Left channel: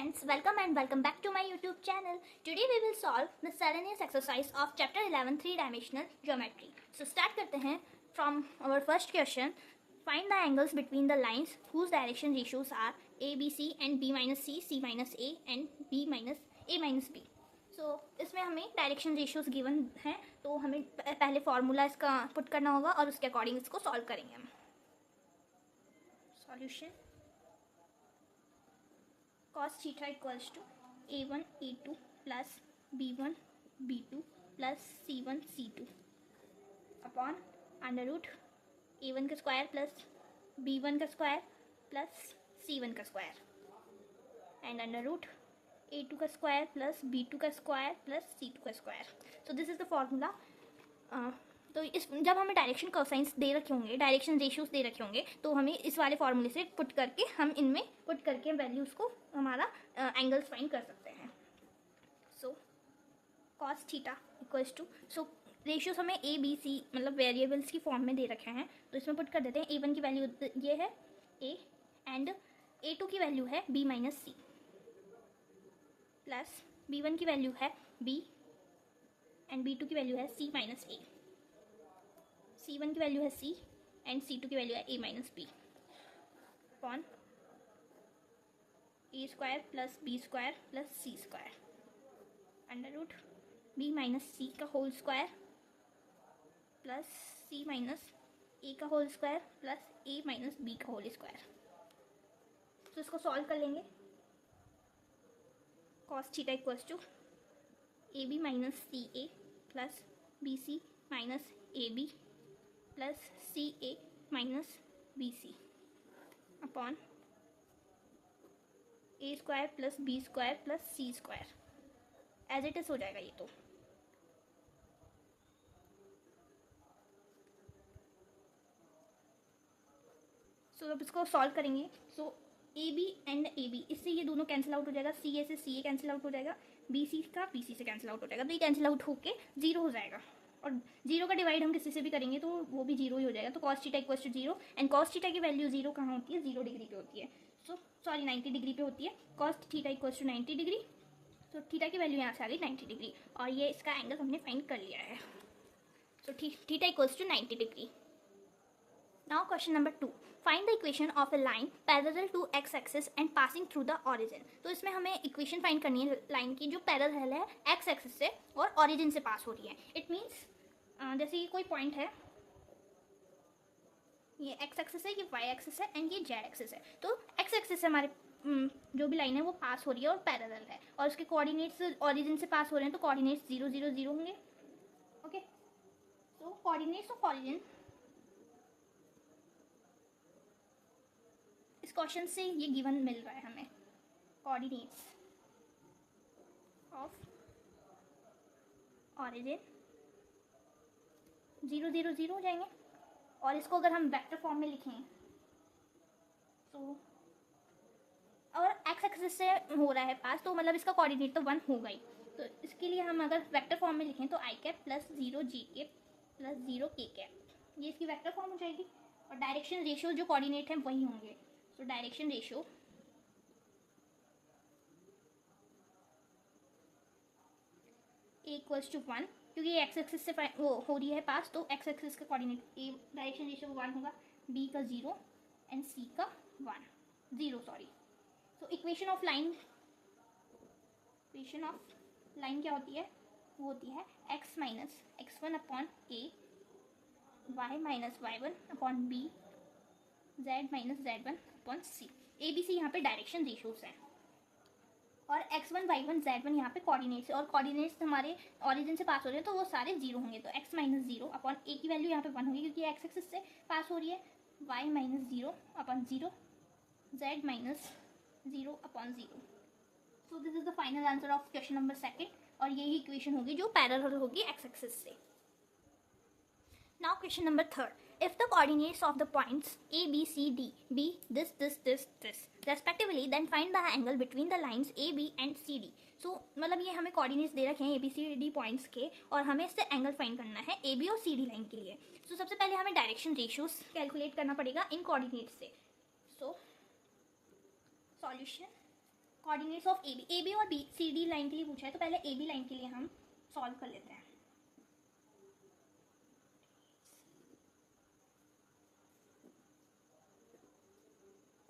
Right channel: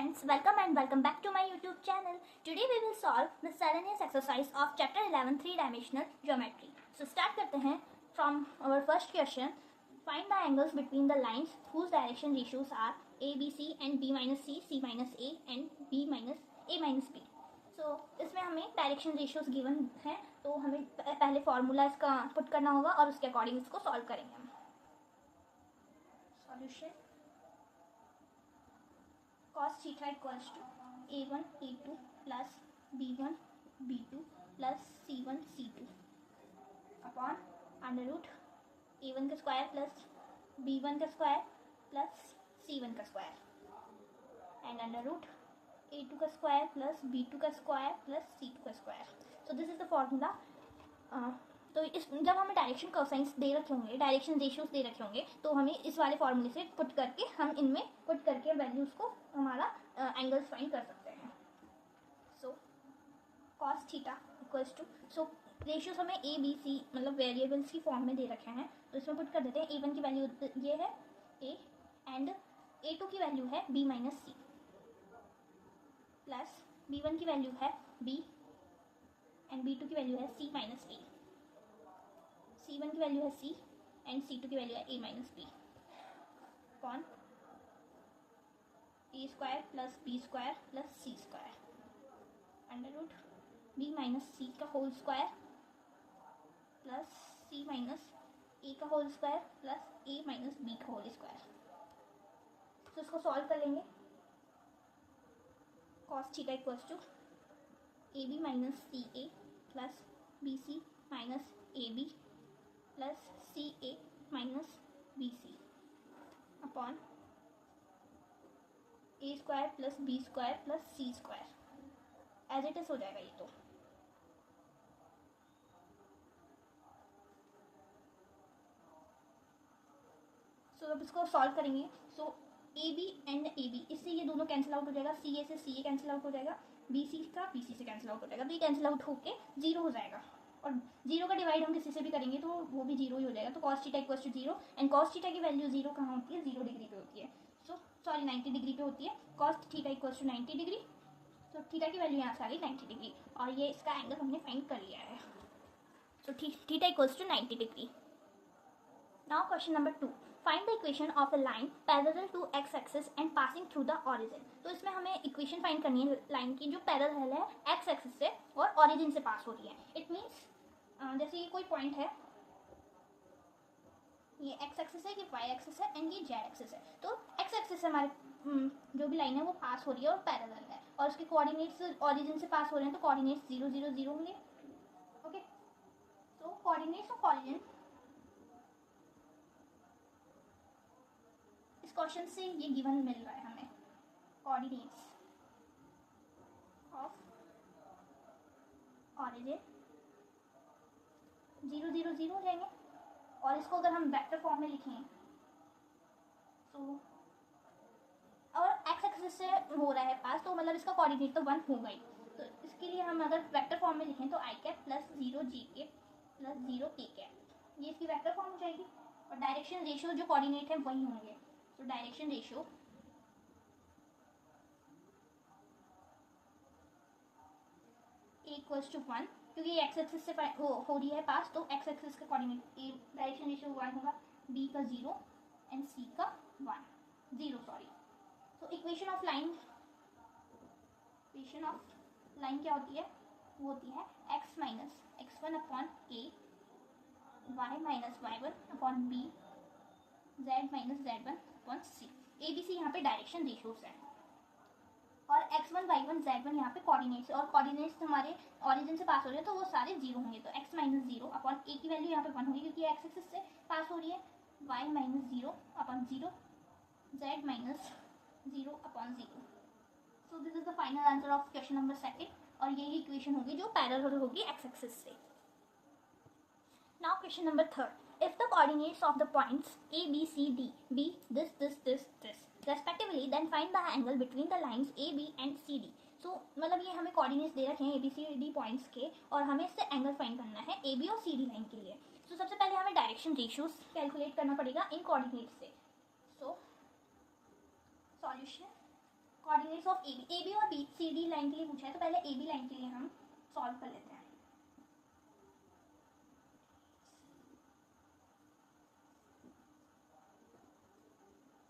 friends, welcome and welcome back to my YouTube channel. Today we will solve miscellaneous exercise of chapter 11 3-dimensional geometry. So start करते हैं from our first question. Find the angles between the lines whose direction ratios are a, b, c and b minus c, c minus a and b minus a minus b. So इसमें हमें direction ratios given है, तो हमें पहले formula इसका put करना होगा और उसके अकॉर्डिंग इसको सॉल्व करेंगे हम. Solution cos theta equals to a1 a2 plus b1 b2 plus c1 c2 upon under root a1 का स्क्वायर प्लस b1 का स्क्वायर प्लस c1 का square and under root a2 का स्क्वायर प्लस b2 का square plus c2 का square. So this is the formula. तो इस जब हमें डायरेक्शन कोसाइंस दे रखे होंगे, डायरेक्शन रेशियोज दे रखे होंगे, तो हमें इस वाले फॉर्मूले से पुट करके हम इनमें पुट करके वैल्यूज़ को हमारा एंगल्स फाइंड कर सकते हैं. So cos theta equals to, so ratios हमें ए बी सी मतलब वेरिएबल्स की फॉर्म में दे रखे हैं, तो इसमें पुट कर देते हैं. a1 की वैल्यू ये है a एंड a2 की वैल्यू है b minus C plus b1 की वैल्यू है b एंड b2 की वैल्यू है c माइनस a. c1 की वैल्यू है c एंड c2 की वैल्यू है a minus b upon a square plus b square plus c square under root b minus c का whole square plus c minus a का whole square plus a minus b का whole square. तो इसको solve कर लेंगे. cos theta equals to A B minus C A plus B C minus A B plus C A minus B C upon A square plus B square plus C square. As it is हो जाएगा ये. तो अब इसको solve करेंगे. So A B and A B, इससे ये दोनों कैंसिल आउट हो जाएगा. सी ए से सी ए कैंसिल आउट हो जाएगा. बी सी का बी सी से कैंसिल आउट हो जाएगा. तो ये कैंसिल आउट होके जीरो हो जाएगा. और जीरो का डिवाइड हम किसी से भी करेंगे तो वो भी जीरो ही हो जाएगा. तो cos theta equals to zero and cos theta की वैल्यू जीरो कहाँ होती है? 0 डिग्री पे होती है. सो सॉरी 90 डिग्री पे होती है. cos theta equals to 90 degree. तो थीटा की वैल्यू यहाँ से आ गई 90 डिग्री और ये इसका एंगल हमने फाइंड कर लिया है. तो theta equals to 90 degree. Now question number 2. Find the equation of a line parallel to x-axis and passing through the origin. तो इसमें हमें इक्वेशन फाइंड करनी है लाइन की जो पैरेलल है x-axis से और origin से पास हो रही है. इट मीन्स जैसे ये कोई पॉइंट है, ये x-axis है, ये y-axis है एंड ये z-axis है. तो x-axis से हमारे जो भी लाइन है वो पास हो रही है और पैरेलल है और उसके कोऑर्डिनेट्स ऑरिजिन से पास हो रहे हैं. तो कोऑर्डिनेट्स 0 0 0 होंगे. ओके, तो कोऑर्डिनेट्स ऑफ ऑरिजिन इस क्वेश्चन से ये गिवन मिल रहा है हमें. कोऑर्डिनेट्स ऑफ ऑरिजिन 0 0 0 हो जाएंगे. और इसको अगर हम वेक्टर फॉर्म में लिखें तो और एक्स एक्सिस से हो रहा है पास, तो मतलब इसका कोऑर्डिनेट तो 1 होगा ही. तो इसके लिए हम अगर वेक्टर फॉर्म में लिखें तो आई कैप प्लस 0 जी कैप प्लस 0 के कैप, ये इसकी वेक्टर फॉर्म हो जाएगी. और डायरेक्शन रेशियो जो कोऑर्डिनेट है वही होंगे. तो direction ratio A equals to 1, क्योंकि एक्स एक्सिस से हो रही है पास, तो एक्स एक्सिस का कोऑर्डिनेट ए डायरेक्शन रेशियो 1 होगा, बी का 0 एंड सी का 0 सॉरी. तो इक्वेशन ऑफ लाइन क्या होती है? वो होती है x minus x1 upon a, y minus y1 upon b, z minus z1 upon c. A B C यहाँ पे डायरेक्शन रेशियोज है और x1 y1 z1 यहाँ पे कोऑर्डिनेट्स है और कोऑर्डिनेट्स हमारे ऑरिजिन से पास हो रहे हैं तो वो सारे 0 होंगे. तो x माइनस 0 अपॉन a की वैल्यू यहाँ पे 1 होगी क्योंकि x एक्सिस से पास हो रही है. y minus 0 upon 0, z minus 0 upon 0. So this is the final answer of question number 2 और यही इक्वेशन होगी जो पैरेलल होगी x एक्सिस से. Now question number 3. If the coordinates of the points A, B, C, D be this respectively, then find the angle between the lines A, B and C, D. So मतलब ये हमें coordinates दे रखे हैं A, B, C, D points के और हमें इससे angle find करना है A, B और C, D लाइन के लिए. So सबसे पहले हमें डायरेक्शन रेशियोज कैलकुलेट करना पड़ेगा इन कोऑर्डिनेट्स से. So solution coordinates of A B और बी सी डी लाइन के लिए पूछा है, तो पहले ए बी लाइन के लिए हम सॉल्व कर लेते हैं।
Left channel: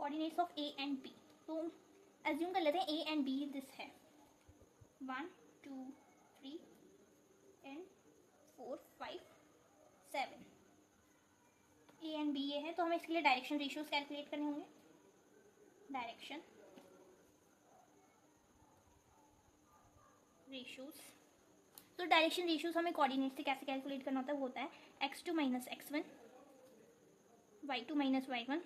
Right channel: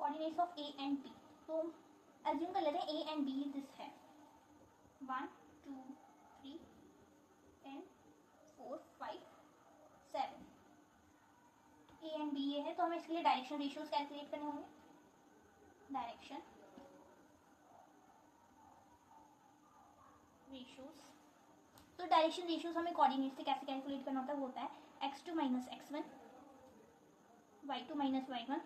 Coordinates of A and B, तो एज्यूम कर लेते हैं ए एंड बी दिस है 1 2 3 एंड 4 5 7। ए एंड बी ये है, तो हमें इसके लिए डायरेक्शन रेशियोज कैलकुलेट करने होंगे। डायरेक्शन रेशियोज, तो डायरेक्शन रेशियोज हमें कोऑर्डिनेट से कैसे कैलकुलेट करना होता है, वो होता है x2 minus x1, y2 minus y1,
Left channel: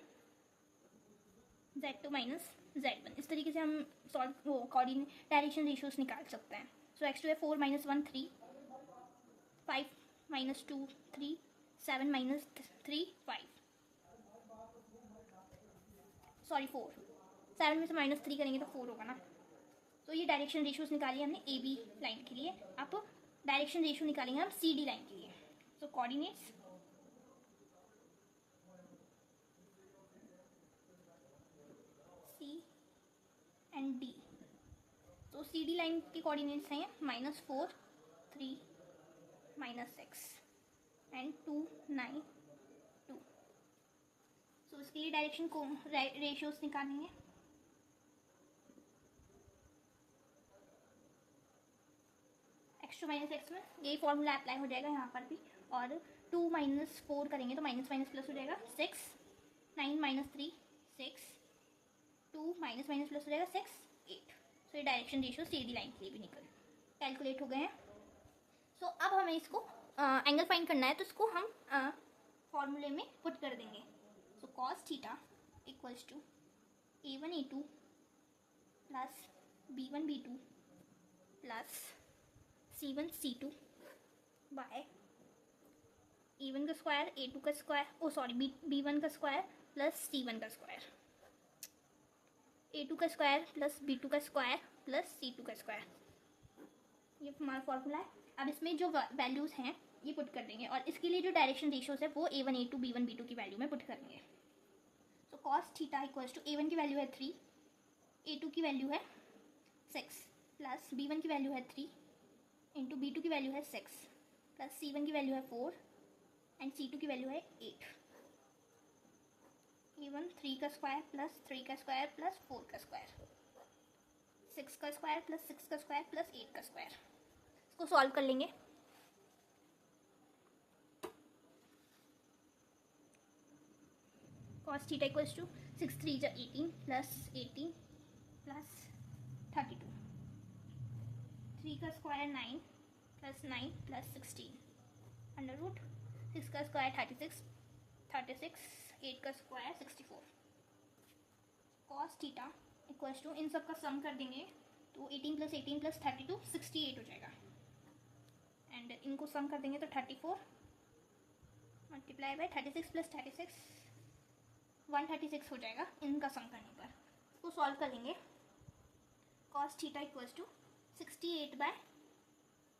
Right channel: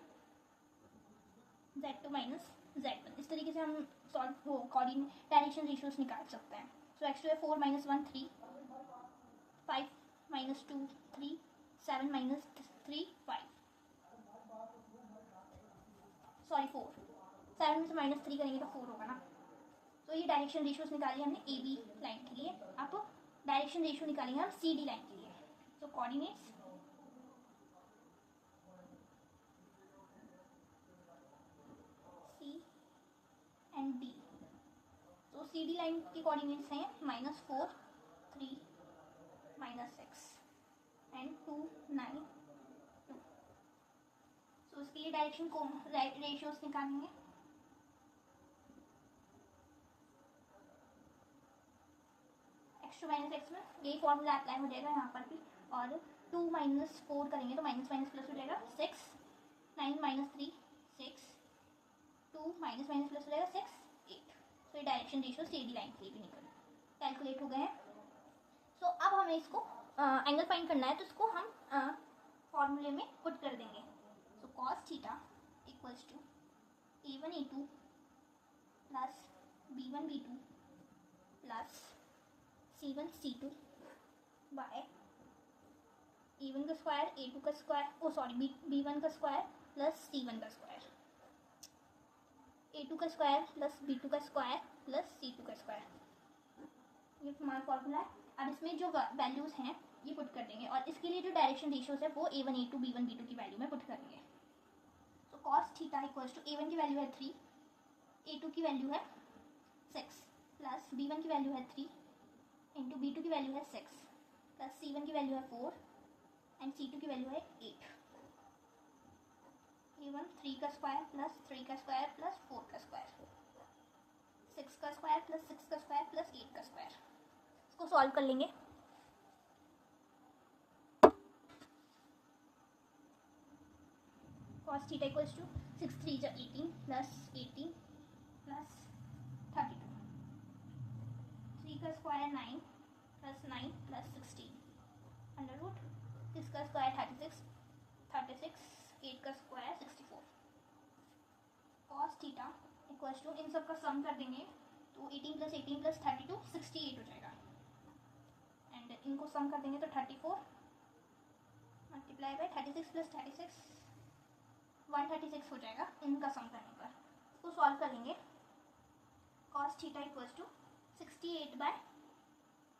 z2 minus z1। इस तरीके से हम सॉल्व वो कोऑर्डिनेट डायरेक्शन रेशियोज निकाल सकते हैं। सो x2 है 4 माइनस 1 3, 5 माइनस 2 3, 7 माइनस 3 5, सॉरी 4, 7 में से माइनस 3 करेंगे तो 4 होगा ना। तो ये डायरेक्शन रेशियोज निकाली हमने ए बी लाइन के लिए। अब डायरेक्शन रेशियो निकालेंगे हम सी डी लाइन के लिए। सो कोऑर्डिनेट्स सी एंड डी, तो सी डी लाइन की कोऑर्डिनेट्स हैं -4 3 -6 एंड 2 9 2। सो इसके लिए डायरेक्शन को रेशियोज निकालेंगे। x2 माइनस x1, ये फॉर्मूला अप्लाई हो जाएगा यहाँ पर भी। और 2 माइनस 4 करेंगे तो माइनस माइनस प्लस हो जाएगा 6, 9 माइनस 3 6, 2 माइनस माइनस प्लस हो जाएगा 6 8। तो ये direction ratio C D line के लिए भी निकल कैलकुलेट हो गए हैं। सो अब हमें इसको एंगल फाइंड करना है, तो इसको हम फॉर्मूले में पुट कर देंगे। So cos theta equals to a1 a2 plus b1 b2 plus c1 c2 by a1 का स्क्वायर a2 का स्क्वायर, ओ सॉरी b1 का स्क्वायर प्लस c1 का स्क्वायर, a2 का स्क्वायर प्लस b2 का स्क्वायर प्लस c2 का square. ये हमारा formula है। अब इसमें जो वैल्यूज़ हैं ये पुट कर देंगे, और इसके लिए जो डायरेक्शन रेशियोज है वो a1 a2 b1 b2 की वैल्यू में पुट करेंगे। तो cos theta equals to a1 की वैल्यू है 3, a2 की वैल्यू है 6 प्लस b1 की वैल्यू है 3 इंटू b2 की वैल्यू है 6 प्लस c1 की वैल्यू है 4 एंड c2 की वैल्यू है 8। a1 3 का स्क्वायर प्लस 3 का स्क्वायर प्लस 4 का स्क्वायर, 6 का स्क्वायर प्लस 6 का स्क्वायर प्लस 8 का स्क्वायर। इसको सॉल्व कर लेंगे। cos थीटा इक्वल्स टू 6 3 जा 18 प्लस 18 प्लस 32, 3 का square 9 plus 9 plus 16 under root 6 का स्क्वायर 36 36, 8 का square 64। cos theta equals to इन सब का सम कर देंगे तो 18 प्लस 18 प्लस 32 68 हो जाएगा, एंड इनको सम कर देंगे तो 34 मल्टीप्लाई बाय 36 प्लस 36 136 हो जाएगा इनका सम करने पर। इसको सॉल्व करेंगे। cos theta equals to 68 by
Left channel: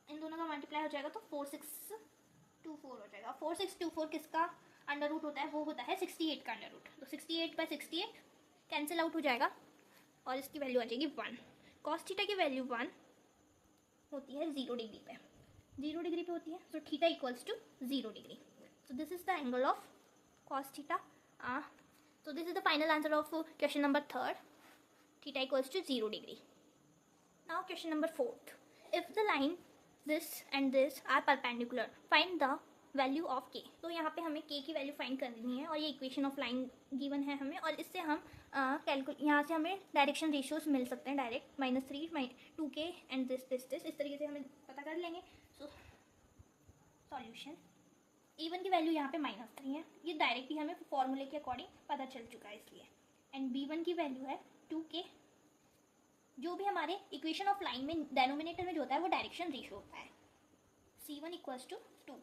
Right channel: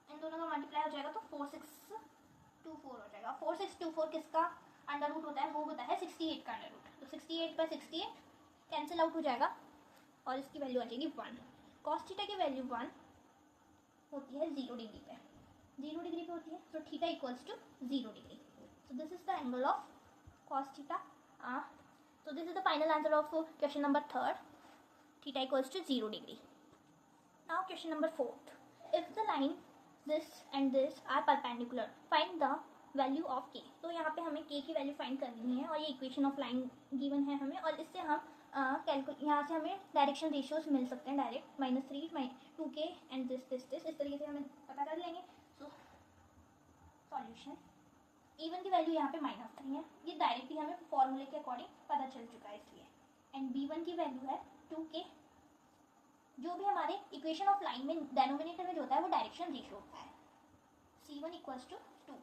इन दोनों का मल्टीप्लाई हो जाएगा तो 4624 हो जाएगा। 4624 किसका अंडर रूट होता है, वो होता है 68 का अंडर रूट। तो 68 बाय 68 कैंसिल आउट हो जाएगा और इसकी वैल्यू आ जाएगी 1। cos थीटा की वैल्यू 1 होती है 0 डिग्री पे, 0 डिग्री पे होती है। So theta equals to 0 degree. So this is the angle of cos theta. So this is the final answer of question number 3rd. Theta equals to 0 degree. Now question number 4th. If the line this and this are perpendicular, find the value of k. तो यहाँ पे हमें k की value find करनी है और ये equation of line given है हमें, और इससे हम यहाँ से हमें डायरेक्शन रेशियोज मिल सकते हैं डायरेक्ट -3 2k एंड दिस इस तरीके से हमें पता कर लेंगे। सो सॉल्यूशन a1 की वैल्यू यहाँ पे -3 है, ये डायरेक्टली हमें फॉर्मूले के अकॉर्डिंग पता चल चुका है इसलिए। एंड b1 की वैल्यू है 2k, जो भी हमारे इक्वेशन ऑफ लाइन में डेनोमिनेटर में जो होता है वो डायरेक्शन रेशियो होता है। c1 equals to 2,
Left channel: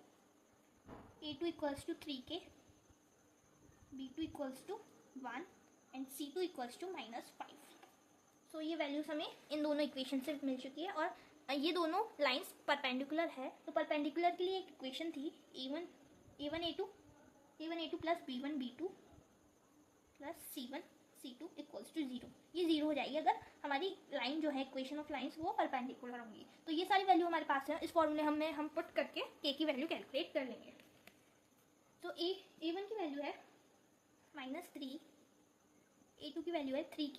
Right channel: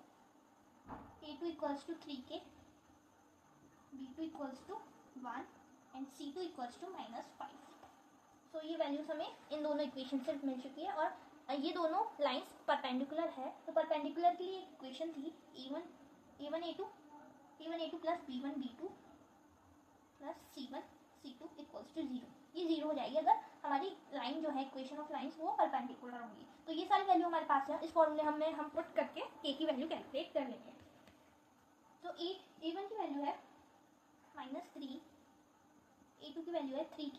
a2 equals to 3k, b2 equals to 1 and c2 equals to -5। So ये वैल्यूज हमें इन दोनों इक्वेशन से मिल चुकी है, और ये दोनों लाइंस परपेंडिकुलर है। तो परपेंडिकुलर के लिए एक इक्वेशन थी a1 a2 plus b1 b2 plus c1 C2 equals to 0। ये 0 हो जाएगी अगर हमारी लाइन जो है इक्वेशन ऑफ लाइंस वो परपेंडिकुलर होंगी। तो ये सारी वैल्यू हमारे पास है, इस फॉर्मूले हम पुट करके k की वैल्यू कैलकुलेट कर लेंगे। तो a1 की वैल्यू है -3, a2 की वैल्यू है 3k,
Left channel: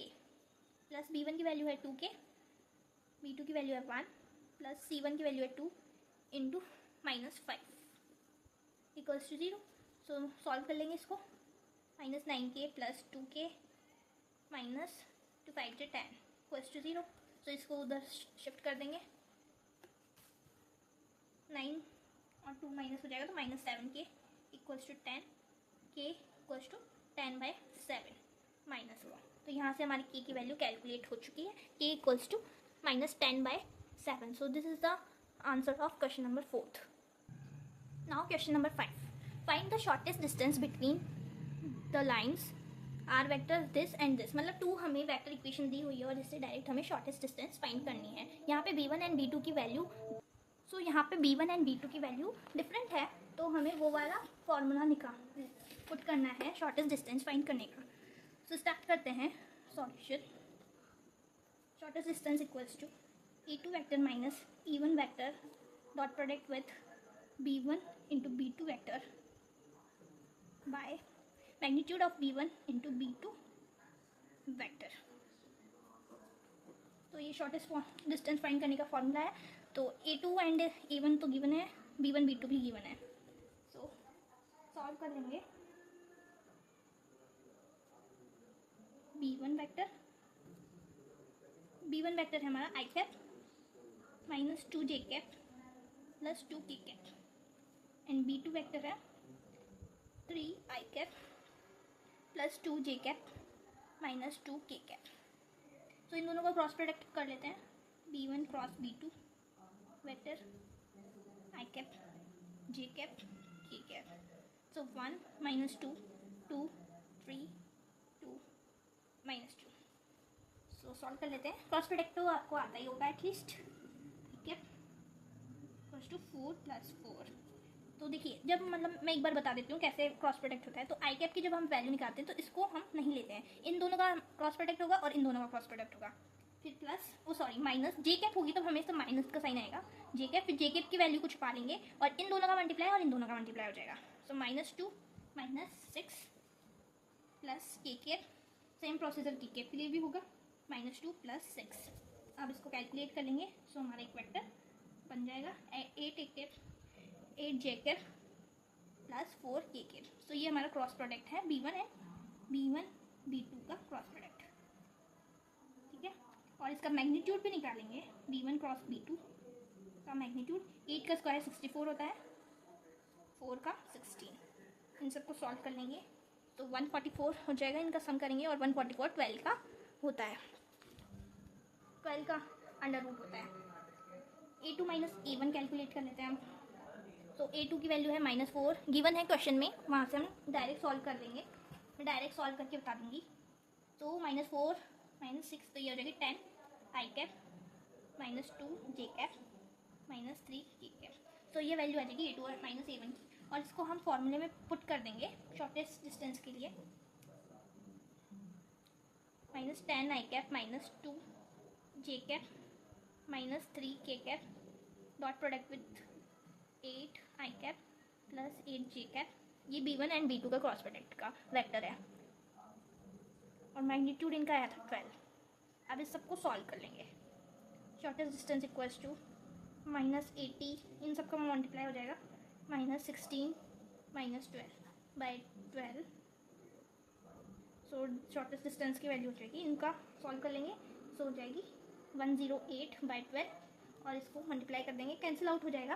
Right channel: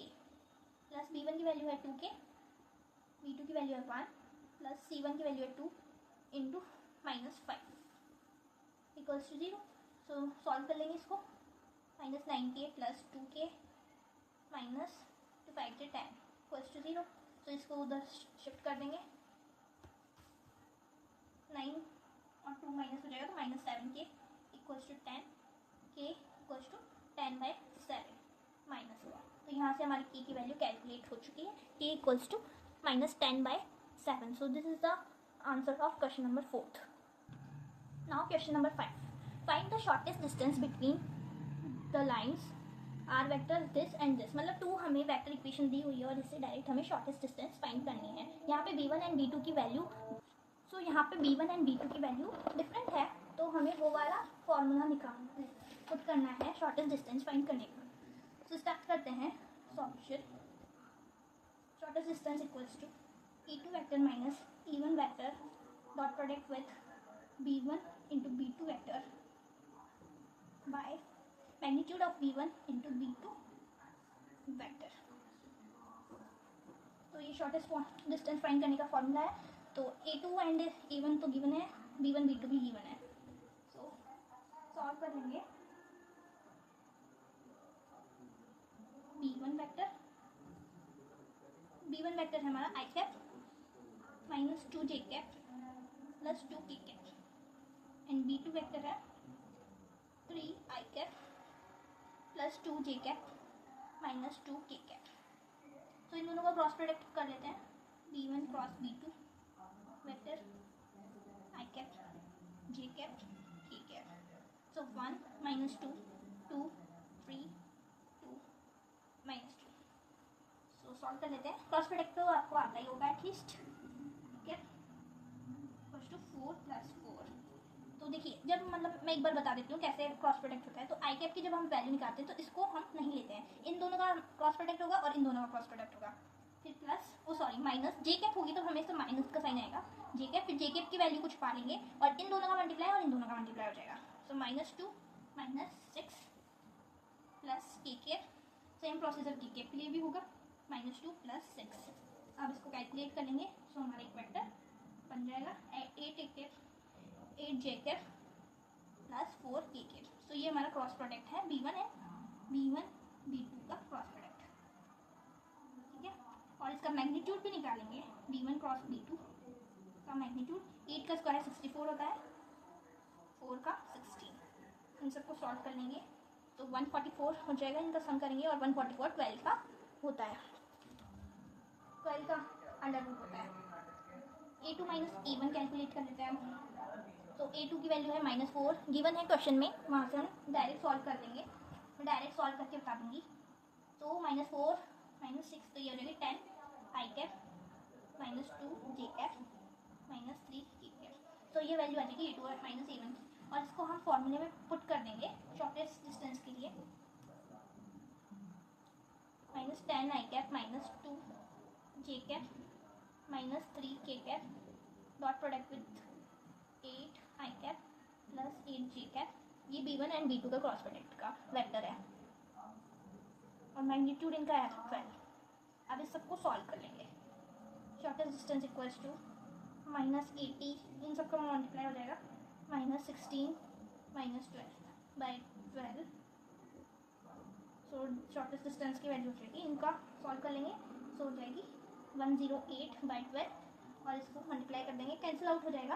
प्लस b1 की वैल्यू है 2k, b2 की वैल्यू है 1, प्लस c1 की वैल्यू है 2 into -5 equals to 0। So solve कर लेंगे इसको। -9k प्लस 2k माइनस 2 5 से 10 इक्वल्स टू 0। तो इसको उधर शिफ्ट कर देंगे, 9 और 2 माइनस हो जाएगा तो -7k equals to 10, k equals to 10/7 minus हुआ। तो यहाँ से हमारी k की वैल्यू कैलकुलेट हो चुकी है, k equals to -10/7। So this is the answer of question number 4। Now question number 5, find the shortest distance between the lines R vector this and this. मतलब 2 हमें वेक्टर इक्वेशन दी हुई है और इससे डायरेक्ट हमें शॉर्टेस्ट डिस्टेंस फाइंड करनी है। यहाँ पे b1 एंड b2 की वैल्यू, यहाँ पे b1 एंड b2 की वैल्यू डिफरेंट है, तो हमें वो वाला फॉर्मूला निकालना है, पुट करना है शॉर्टेस्ट डिस्टेंस फाइंड करने का। सो स्टार्ट करते हैं solution. Shortest distance equals to e2 vector minus e1 vector dot product with b1 into b2 vector by magnitude of b1 into b2 vector. तो ये शॉर्टेस्ट डिस्टेंस फाइंड करने का formula है। तो a2 एंड a1 तो given है, b1 b2 भी given है। सो सॉल्व कर लेंगे। b1 वेक्टर है हमारा i cap minus 2j cap plus 2k cap and b2 vector है 3i cap plus 2j cap minus 2k cap. तो इन दोनों का क्रॉस प्रोडक्ट कर लेते हैं, b1 cross b2 vector i cap j cap k cap. So 1 minus 2 2 3 2 minus 2। So solve कर लेते हैं। क्रॉस प्रोडक्ट तो आपको आता ही होगा एटलीस्ट, ठीक है, इक्वल्स टू 4 प्लस 4। तो देखिए, जब मतलब मैं एक बार बता देती हूँ कैसे क्रॉस प्रोडक्ट होता है। तो आई कैप की जब हम वैल्यू निकालते हैं तो इसको हम नहीं लेते हैं, इन दोनों का क्रॉस प्रोडक्ट होगा और इन दोनों का क्रॉस प्रोडक्ट होगा। फिर प्लस माइनस जे कैप होगी तो हमेशा माइनस का साइन आएगा, जे कैप, फिर जे कैप की वैल्यू कुछ पा लेंगे और इन दोनों का मल्टीप्लाई और इन दोनों का मल्टीप्लाई हो जाएगा। सो -2 -6 प्लस के कैप, सेम प्रोसीजर के कैप के लिए भी होगा, -2 प्लस 6। अब इसको कैलकुलेट कर लेंगे। सो हमारा एक वेक्टर बन जाएगा 8 A cap 8 J cap plus 4 के कैप। तो ये हमारा क्रॉस प्रोडक्ट है, b1 है, b1 b2 का क्रॉस प्रोडक्ट, ठीक है। और इसका मैग्नीट्यूड भी निकालेंगे, b1 क्रॉस b2 का मैग्नीट्यूड 8 का स्क्वायर 64 होता है, 4 का 16। इन सबको सॉल्व कर लेंगे तो 144 हो जाएगा, इनका सम करेंगे और 144 12 का होता है, 12 का अंडर रूट होता है। a2 माइनस a1 कैलकुलेट कर लेते हैं हम। तो a2 की वैल्यू है -4 गिवन है क्वेश्चन में, वहाँ से हम डायरेक्ट सॉल्व कर देंगे। मैं डायरेक्ट सॉल्व करके बता दूंगी। तो -4 -6 तो ये हो जाएगी 10 आई कैप -2 जे कैप -3 के कैप। तो ये वैल्यू आ जाएगी a2 और -a1 की, और इसको हम फॉर्मूले में पुट कर देंगे शॉर्टेस्ट डिस्टेंस के लिए। -10 आई कैप -2 जे कैप -3 के cap dot product with 8 I cap plus 8 J cap. ये b1 एंड b2 का क्रॉस प्रोडक्ट का वेक्टर है और मैग्नीट्यूड इनका आया था 12। अब इस सबको सॉल्व कर लेंगे। शॉर्टेस्ट डिस्टेंस इक्वल्स टू -80, इन सबका मल्टीप्लाई हो जाएगा, -16 -12/12। सो शॉर्टेस्ट डिस्टेंस की वैल्यू हो जाएगी, इनका सॉल्व कर लेंगे। सो हो जाएगी 108/12 और इसको मल्टीप्लाई कर देंगे, कैंसिल आउट हो जाएगा।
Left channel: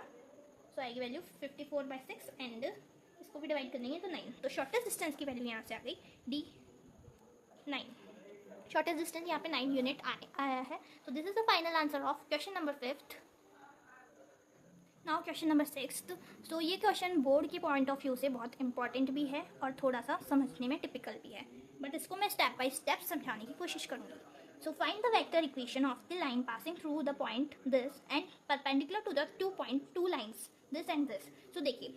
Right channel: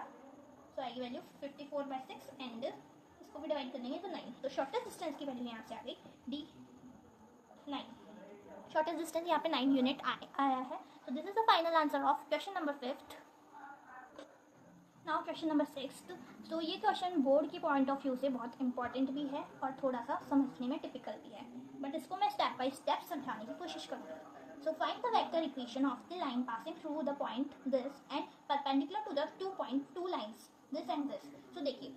तो आएगी वैल्यू 54/6 एंड इसको भी डिवाइड कर देंगे तो 9। तो शॉर्टेस्ट डिस्टेंस की वैल्यू यहाँ से आ गई D9। शॉर्टेस्ट डिस्टेंस यहाँ पे 9 यूनिट आया है। तो this is the final answer of question number 5th। Now question number 6th। तो ये क्वेश्चन बोर्ड के पॉइंट ऑफ व्यू से बहुत इंपॉर्टेंट भी है और थोड़ा सा समझने में टिपिकल भी है, बट इसको मैं स्टेप बाय स्टेप समझाने की कोशिश करूँगी। So find the vector equation of the line passing through the point this and perpendicular to the 2 lines this and this. तो देखिए,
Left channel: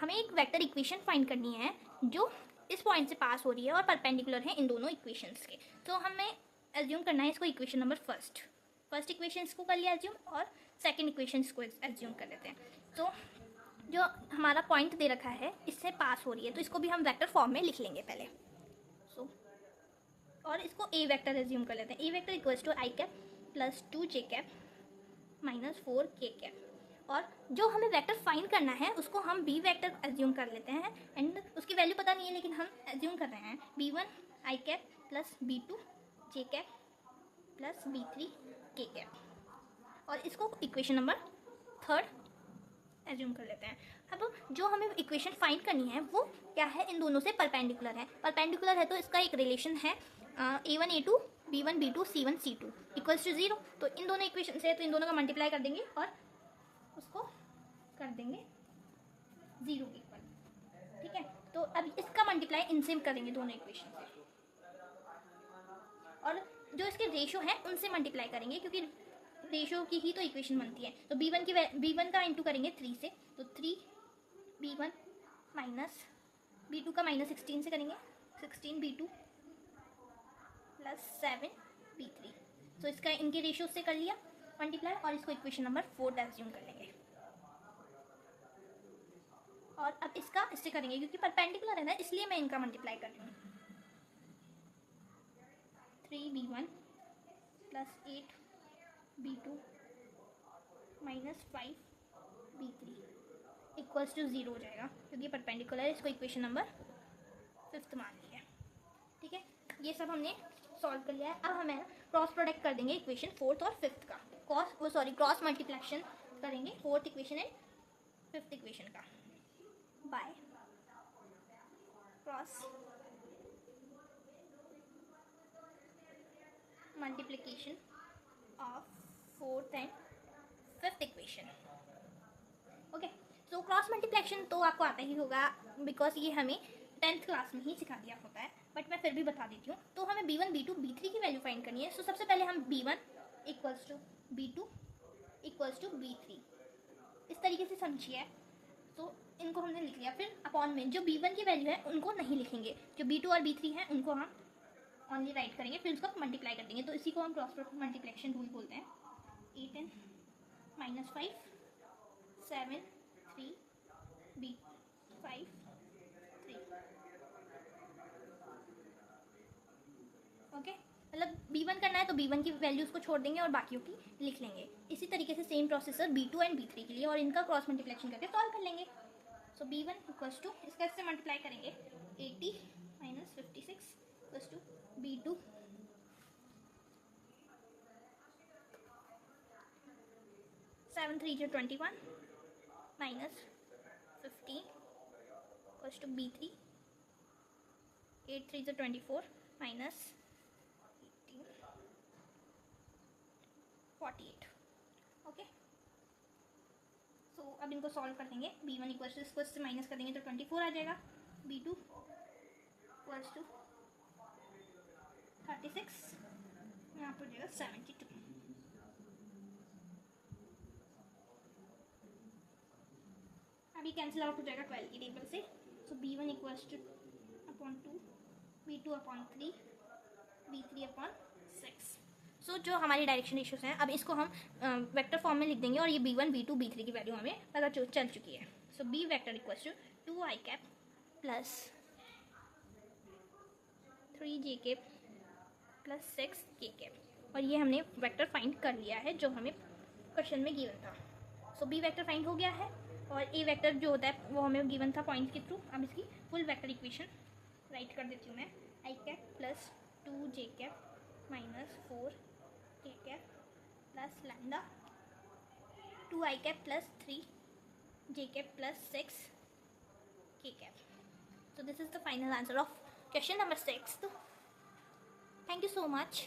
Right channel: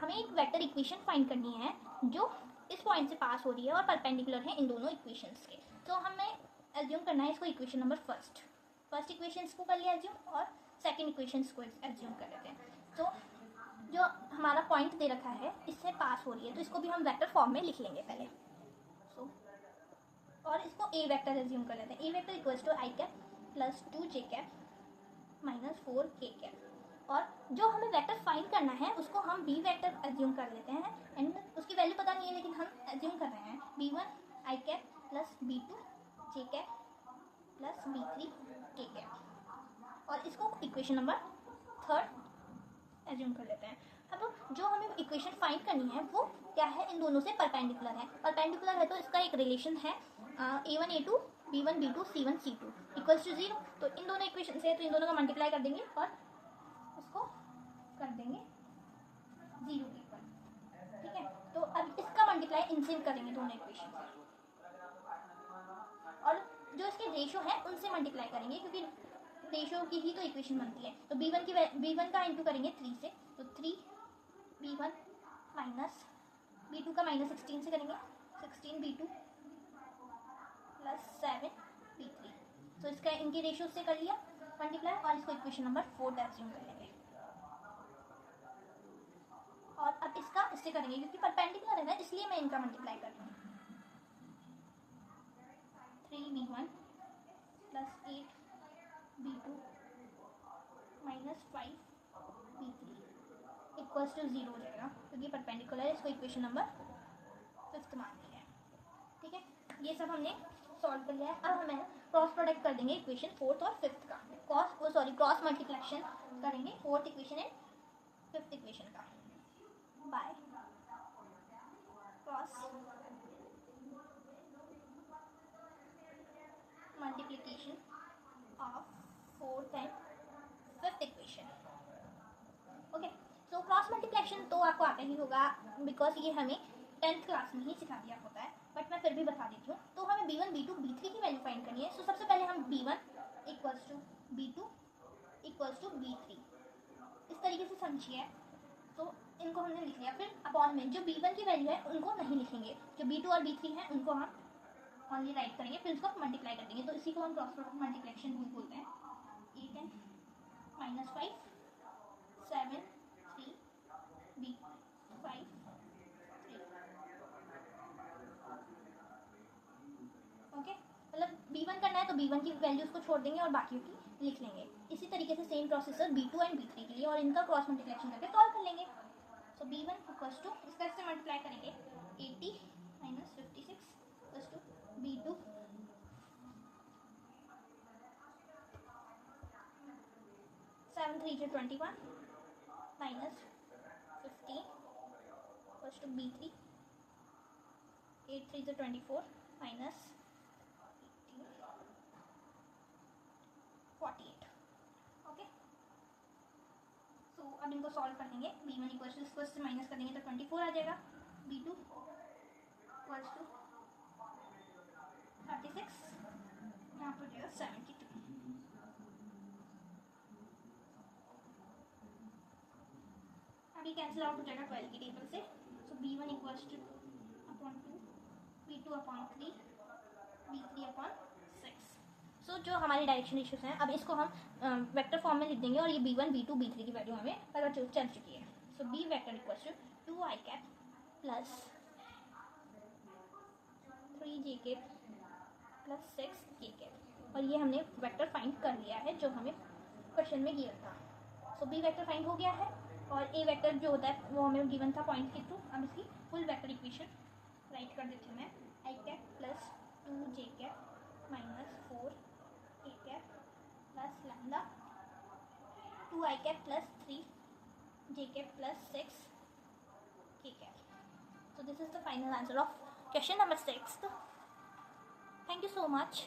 हमें एक वेक्टर इक्वेशन फाइंड करनी है जो इस पॉइंट से पास हो रही है और परपेंडिकुलर है इन दोनों इक्वेशंस के। तो हमें एज्यूम करना है इसको इक्वेशन नंबर फर्स्ट इक्वेशन को कर लिया एज्यूम और सेकेंड इक्वेशन को एज्यूम कर लेते हैं। तो जो हमारा पॉइंट दे रखा है इससे पास हो रही है तो इसको भी हम वेक्टर फॉर्म में लिख लेंगे पहले। सो और इसको ए वेक्टर एज्यूम कर लेते हैं। A vector equals to I cap plus 2j cap minus 4k cap. और जो हमें वेक्टर फाइंड करना है उसको हम बी वेक्टर एज्यूम कर लेते हैं एंड उसकी वैल्यू पता नहीं है लेकिन हम एज्यूम कर रहे हैं b1 I cap plus b2 j cap plus b3 k cap. और इसको इक्वेशन नंबर थर्ड एज्यूम कर लेते हैं। अब जो हमें इक्वेशन फाइंड करनी है वो क्या है, इन दोनों से परपेंडिकुलर है तो इसका एक रिलेशन है a1 a2 b1 b2 c1 c2 equals to 0। तो इन दोनों इक्वेशन से तो इन दोनों का मल्टीप्लाई कर देंगे और उसको कर देंगे 0 के इक्वल। ठीक है, तो अब इसका मल्टीप्लाई इनसे करेंगे दोनों इक्वेशन से और जो इसके रेशो है उनसे मल्टीप्लाई करेंगे क्योंकि रेशो की ही तो इक्वेशन बनती है। तो b1 का इंटू करेंगे 3 से, तो 3b1 माइनस b2 का माइनस 16 से करेंगे 16b2 प्लस 7b3। तो इसका इनकी रेशियो से कर लिया मल्टीप्लाई और इसको इक्वेशन नंबर 4 एज्यूम कर लेंगे। और अब इसका इससे करेंगे क्योंकि परपेंडिकुलर है ना इसलिए मैं इनका मल्टीप्लाई कर रही हूँ। 3b1 plus 8b2 minus 5b3 equals to 0 हो जाएगा क्योंकि परपेंडिकुलर है। इसको इक्वेशन नंबर 5 मान लिया। ठीक है, ये सब हमने सॉल्व कर लिया है। अब हमें क्रॉस प्रोडक्ट कर देंगे इक्वेशन 4th और 5th का। क्रॉस मल्टीप्लिकेशन करेंगे 4th equation and 5th equation का by cross multiplication of 4th and 5th equation. Okay, so cross multiplication तो आपको आता ही होगा बिकॉज ये हमें 10th क्लास में ही सिखा दिया होता है, बट मैं फिर भी बता देती हूँ। तो हमें b1 b2 b3 की वैल्यू फाइंड करनी है। सो सबसे पहले हम b1 equals to b2 equals to b3 इस तरीके से समझिए। तो इनको हमने लिख लिया, फिर अपॉन में जो b1 की वैल्यू है उनको नहीं लिखेंगे, जो b2 और b3 है उनको हम ऑनली राइट करेंगे, फिर उसको मल्टीप्लाई कर देंगे। तो इसी को हम क्रॉस प्रोडक्ट मल्टीप्लिकेशन रूल बोलते हैं। 8 एंड माइनस 5 7 3 b5 3। ओके, मतलब b1 करना है तो b1 की वैल्यूज को छोड़ देंगे और बाकियों की लिख लेंगे। इसी तरीके से same processor b2 and b3 के लिए और इनका क्रॉस मल्टीप्लिकेशन करके सॉल्व कर लेंगे। सो b1 इक्वल्स टू इसका इससे मल्टीप्लाई करेंगे 80 minus 56 equals to b2 7 3 21 minus 15 equals to b3 8 3 24 minus 48। Okay, so अब इनको सॉल्व कर देंगे। b1 इक्वल्स टू इसको इससे माइनस कर देंगे तो 24 आ जाएगा। b2 इक्वल्स टू 36 यहाँ पर जाएगा 72। अभी कैंसिल आउट हो जाएगा 12 की टेबल से। सो b1 equals two upon 2 b2 upon 3 b3 upon 6। सो जो हमारी डायरेक्शन इश्यूज हैं अब इसको हम वेक्टर फॉर्म में लिख देंगे और ये b1 b2 b3 की वैल्यू हमें पता चल चुकी है। So b vector equals to 2i cap plus 3j cap plus 6k cap. और ये हमने वेक्टर फाइंड कर लिया है जो हमें क्वेश्चन में गिवन था। सो b वेक्टर फाइंड हो गया है और a वेक्टर जो होता है वो हमें गिवन था पॉइंट के थ्रू। अब इसकी फुल वेक्टर इक्वेशन राइट कर देती हूँ मैं। i cap plus 2j cap minus 4k cap plus lambda 2i cap plus 3j cap plus 6k cap. So this is the final answer of question number 6. So thank you so much.